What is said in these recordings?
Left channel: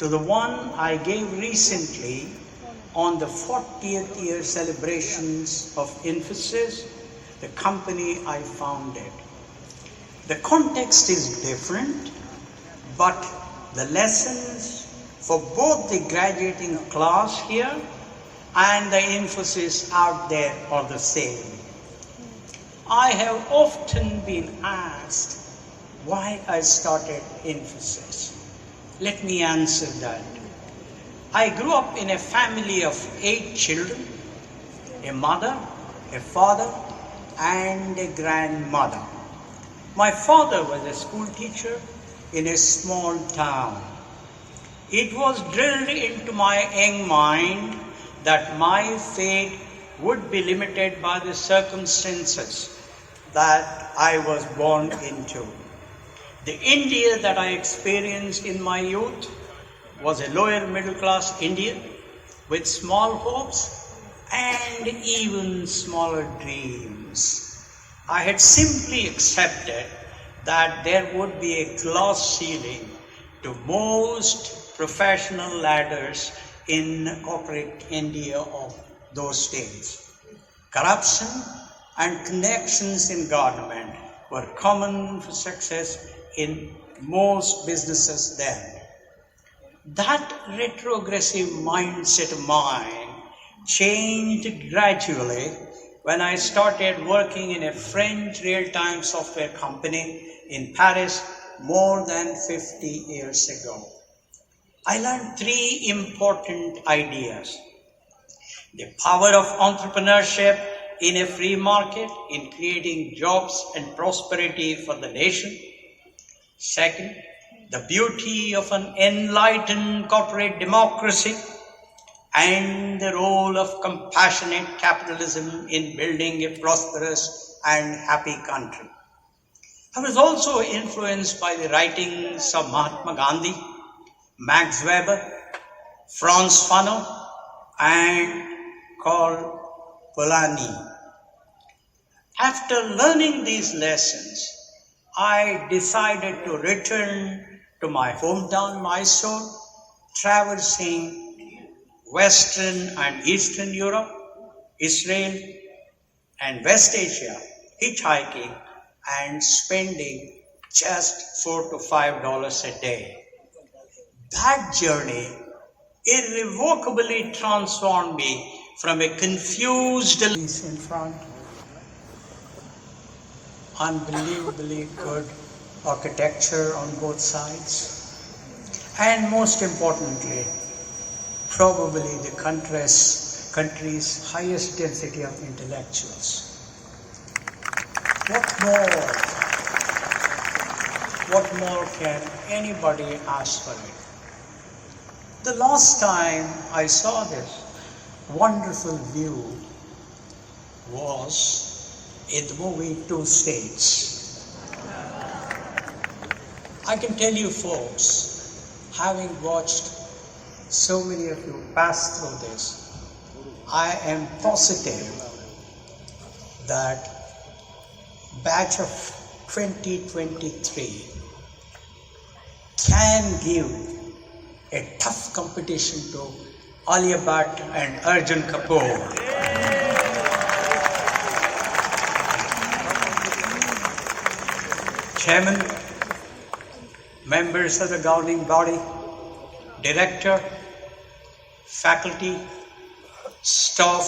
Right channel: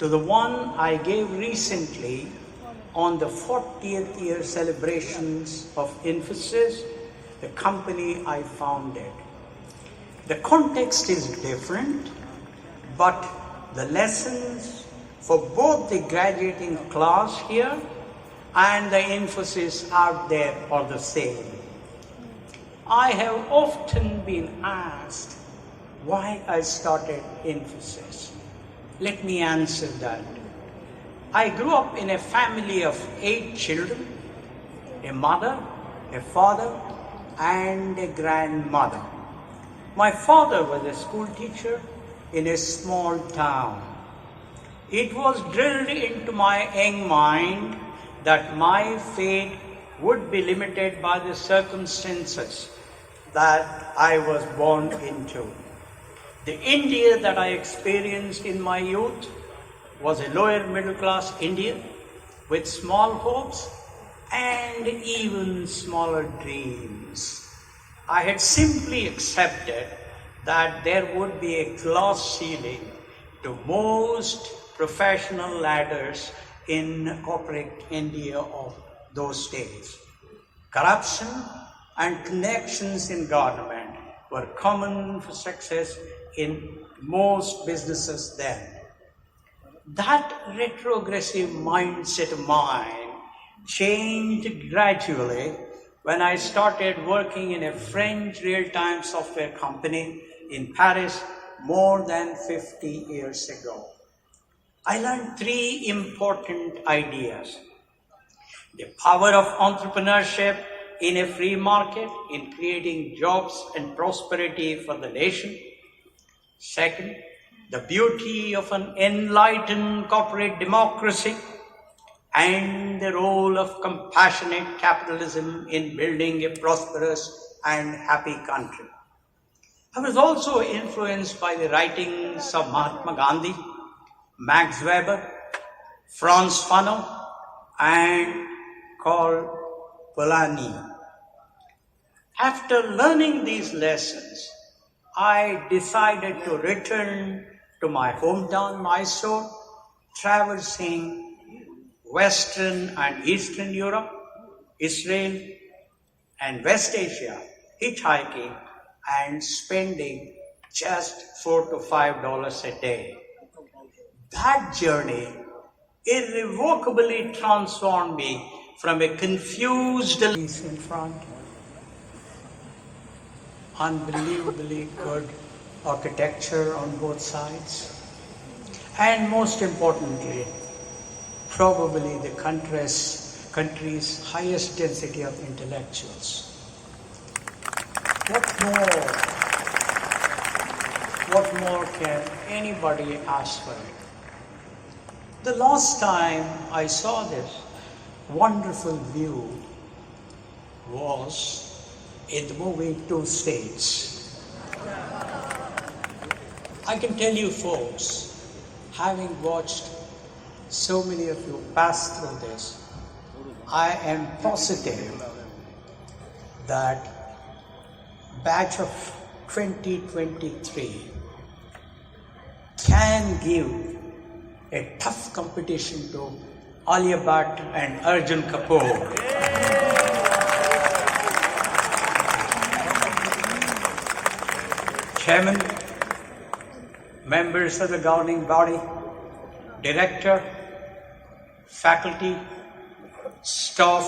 to the one I gave recently on the 40th year celebrations of Infosys, the company I founded. The context is different, but the lessons for both the graduating class here and the Infosys out there are the same. I have often been asked why I started Infosys. Let me answer that. I grew up in a family of 8 children, a mother, a father, and a grandmother. My father was a school teacher in a small town. It was drilled into my young mind that my fate would be limited by the circumstances that I was born into. The India that I experienced in my youth was a lower middle class India with small hopes and even smaller dreams. I had simply accepted that there would be a glass ceiling to most professional ladders in corporate India of those days. Corruption and connections in government were common for success in most businesses then. That retrogressive mindset of mine changed gradually when I started working in a French real-time software company in Paris more than 50 years ago. I learned 3 important ideas. The power of entrepreneurship in a free market in creating jobs and prosperity for the nation. Second, the beauty of an enlightened corporate democracy and the role of compassionate capitalism in building a prosperous and happy country. I was also influenced by the writings of Mahatma Gandhi, Max Weber, Franz Fanon, and Karl Polanyi. After learning these lessons, I decided to return to my hometown, Mysore, traversing Western and Eastern Europe, Israel, and West Asia, hitchhiking and spending just $4 to $5 a day. That journey irrevocably transformed me from a confused in front, unbelievably good architecture on both sides, and most importantly, probably the country's highest density of intellectuals. What more can anybody ask for it? The last time I saw this wonderful view was in the movie Two States. I can tell you folks, having watched so many of you pass through this, I am positive that batch of 2023 can give a tough competition to Alia Bhatt and Arjun Kapoor. Chairman, members of the governing body, director, faculty, staff,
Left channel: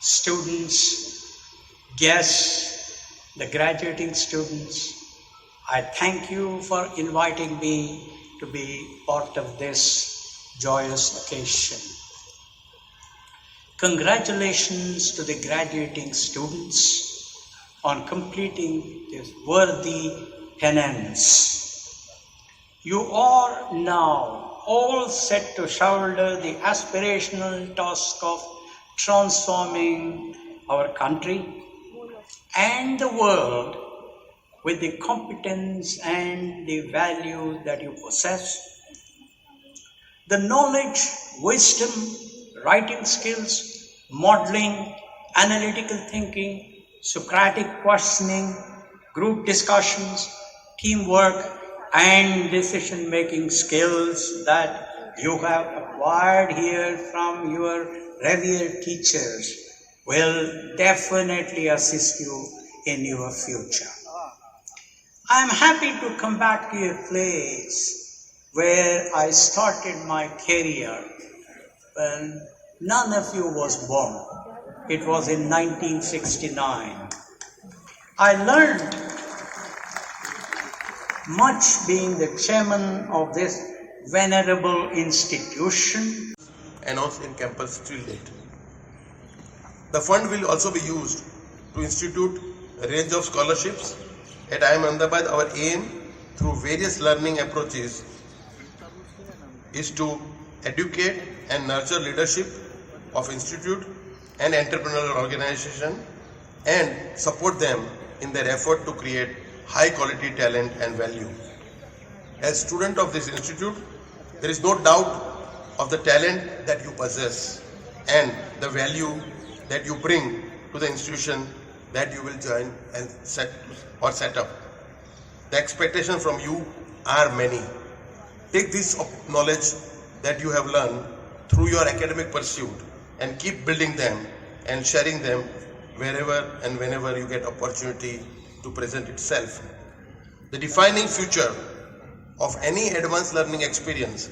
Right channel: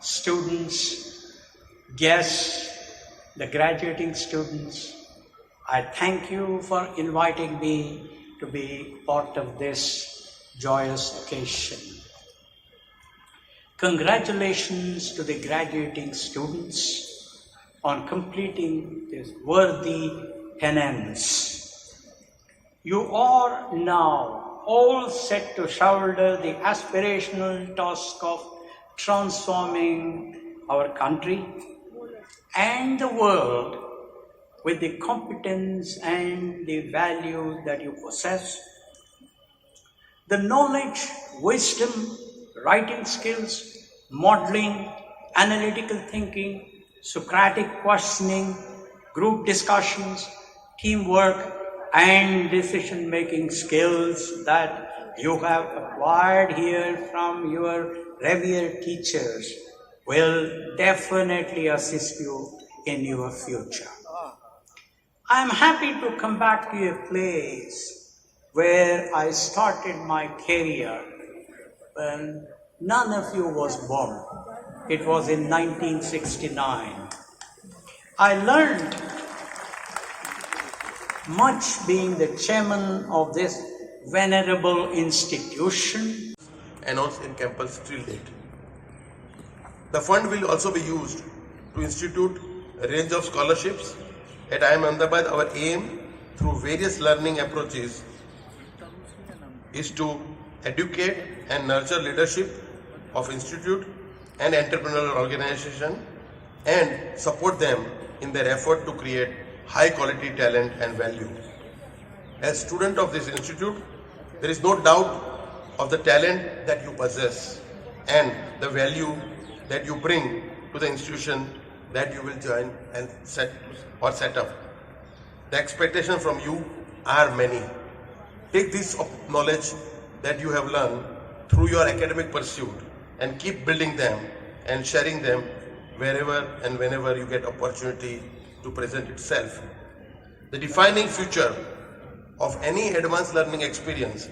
students, guests, the graduating students, I thank you for inviting me to be part of this joyous occasion. Congratulations to the graduating students on completing this worthy penance. You are now all set to shoulder the aspirational task of transforming our country and the world with the competence and the value that you possess. The knowledge, wisdom, writing skills, modeling, analytical thinking, Socratic questioning, group discussions, teamwork, and decision-making skills that you have acquired here from your revered teachers will definitely assist you in your future. I'm happy to come back to a place where I started my career when none of you was born. It was in 1969. I learned much being the chairman of this venerable institution. Announced in campus till date. The fund will also be used to institute a range of scholarships. At IIM Ahmedabad, our aim through various learning approaches is to educate and nurture leadership of institute and entrepreneurial organization and support them in their effort to create high quality talent and value. As student of this institute, there is no doubt of the talent that you possess and the value that you bring to the institution that you will join and set up. The expectations from you are many. Take this knowledge that you have learned through your academic pursuit and keep building them and sharing them wherever and whenever you get opportunity to present itself. The defining feature of any advanced learning experience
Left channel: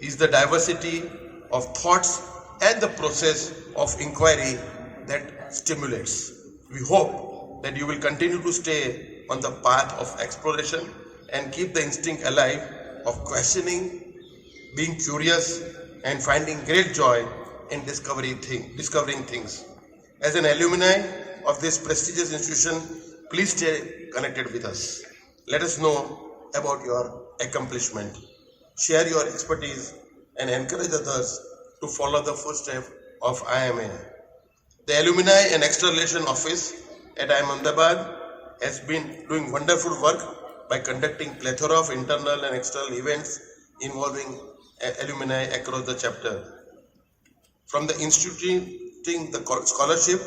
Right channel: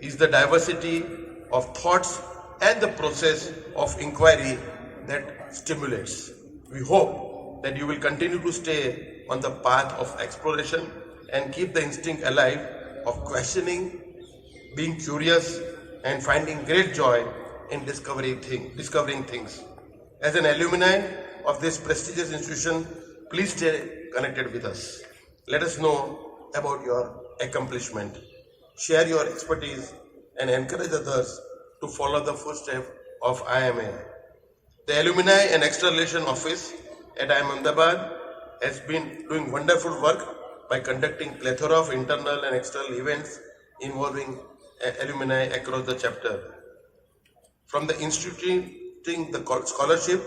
is the diversity of thoughts and the process of inquiry that stimulates. We hope that you will continue to stay on the path of exploration and keep the instinct alive of questioning, being curious, and finding great joy in discovering things. As an alumni of this prestigious institution, please stay connected with us. Let us know about your accomplishment. Share your expertise and encourage others to follow the footsteps of IMA. The Alumni and External Relations Office at IIM Ahmedabad has been doing wonderful work by conducting plethora of internal and external events involving alumni across the chapter. From the instituting the scholarship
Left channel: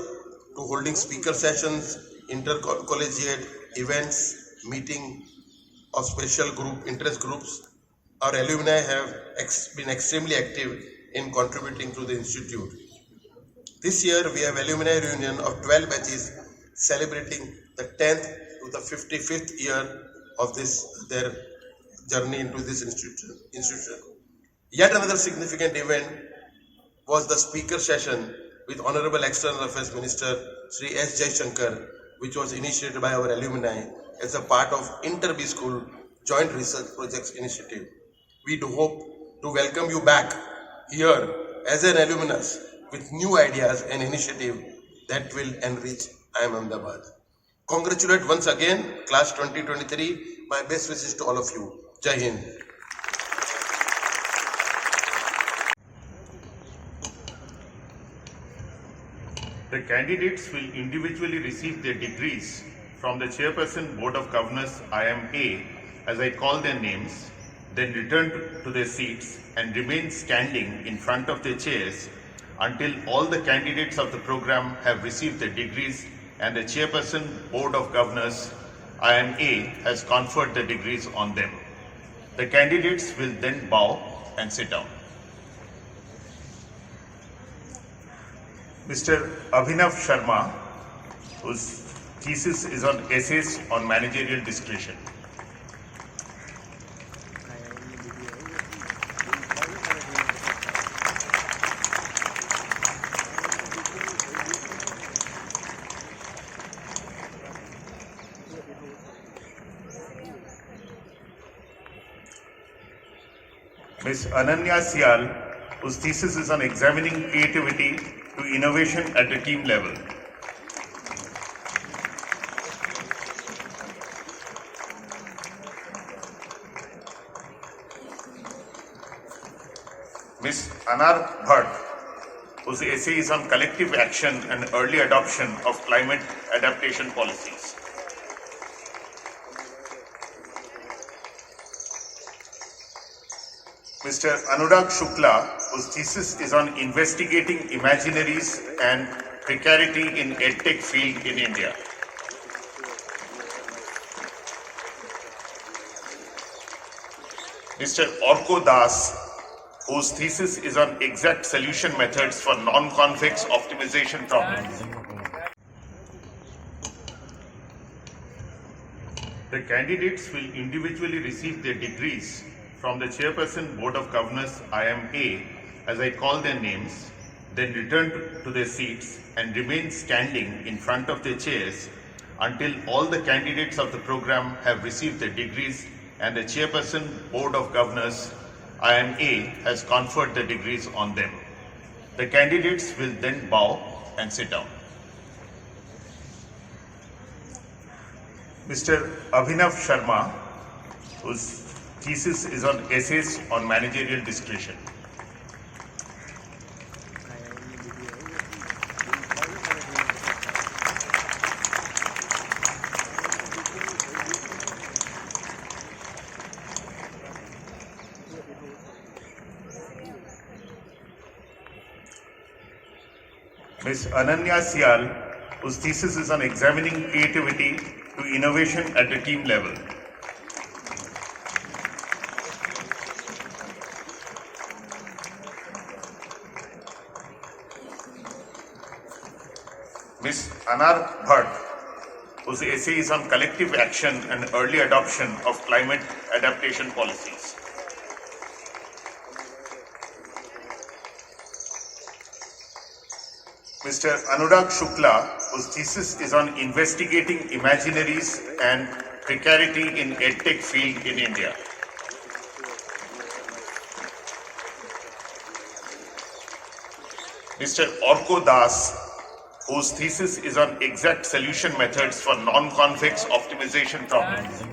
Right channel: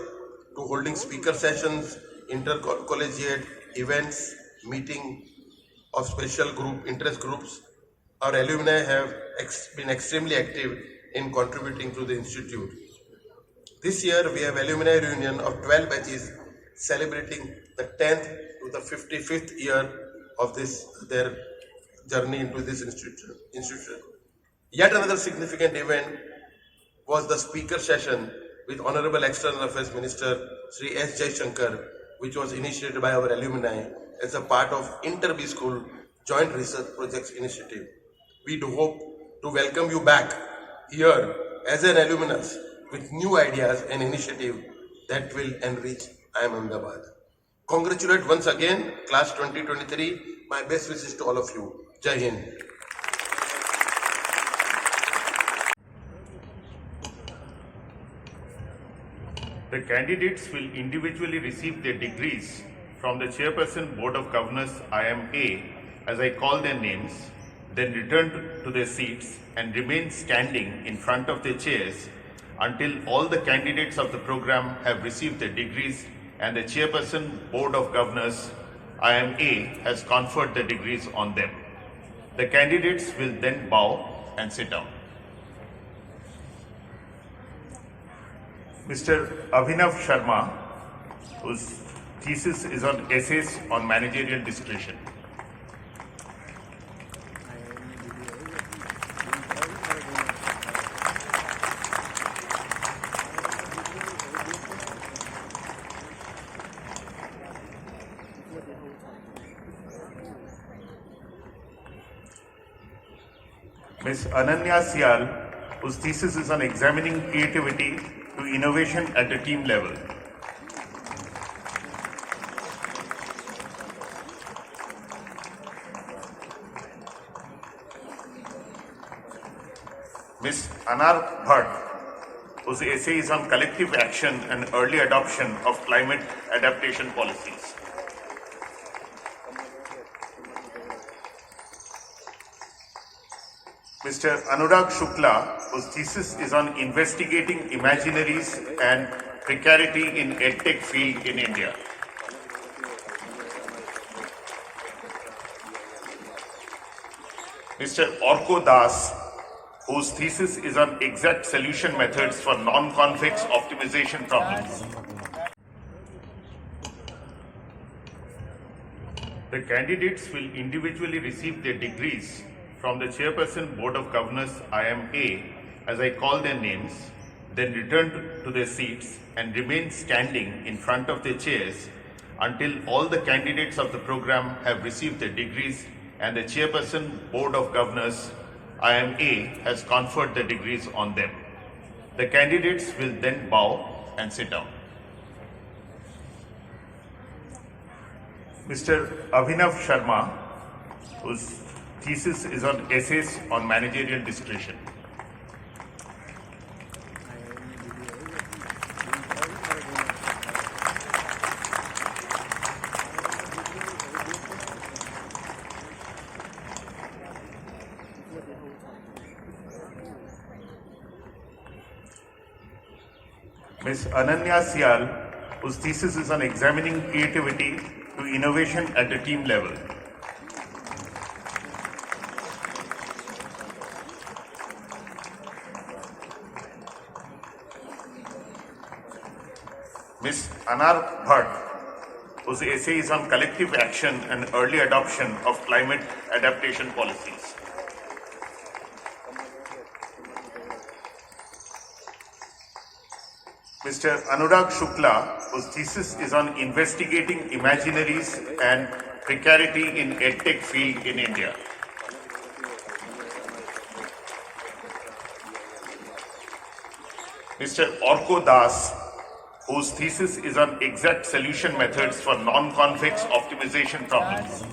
to holding speaker sessions, intercollegiate events, meeting of special interest groups, our alumni have been extremely active in contributing to the institute. This year we have alumni reunion of 12 batches celebrating the 10th to the 55th year of their journey into this institution. Yet another significant event was the speaker session with Honorable External Affairs Minister Sri S. Jaishankar, which was initiated by our alumni as a part of Inter-B School Joint Research Projects Initiative. We do hope to welcome you back here as an alumnus with new ideas and initiatives that will enrich IIM Ahmedabad. Congratulate once again, Class 2023. My best wishes to all of you. Jai Hind. The candidates will individually receive their degrees from the Chairperson Board of Governors IMA, as I call their names, then return to their seats and remain standing in front of their chairs until all the candidates of the program have received their degrees and the Chairperson Board of Governors IMA has conferred the degrees on them. The candidates will then bow and sit down. Mr. Abhinav Sharma, whose thesis is on essays on managerial discretion. Ms. Ananya Sial, whose thesis is on examining creativity to innovation at the team level. Ms. Anar Bhatt, whose essay is on collective action and early adoption of climate adaptation policies. Mr. Anurag Shukla, whose thesis is on investigating imaginaries and precarity in EdTech field in India. Mr. Orko Das, whose thesis is on exact solution methods for non-convex optimization problems. The candidates will individually receive their degrees from the Chairperson Board of Governors IMA, as I call their names, then return to their seats and remain standing in front of their chairs until all the candidates of the program have received their degrees and the Chairperson Board of Governors IMA has conferred the degrees on them. The candidates will then bow and sit down. Mr. Abhinav Sharma, whose thesis is on essays on managerial discretion. Ms. Ananya Sial, whose thesis is on examining creativity to innovation at the team level. Ms. Anar Bhatt, whose essay is on collective action and early adoption of climate adaptation policies. Mr. Anurag Shukla, whose thesis is on investigating imaginaries and precarity in EdTech field in India. Mr. Orko Das, whose thesis is on exact solution methods for non-convex optimization problems.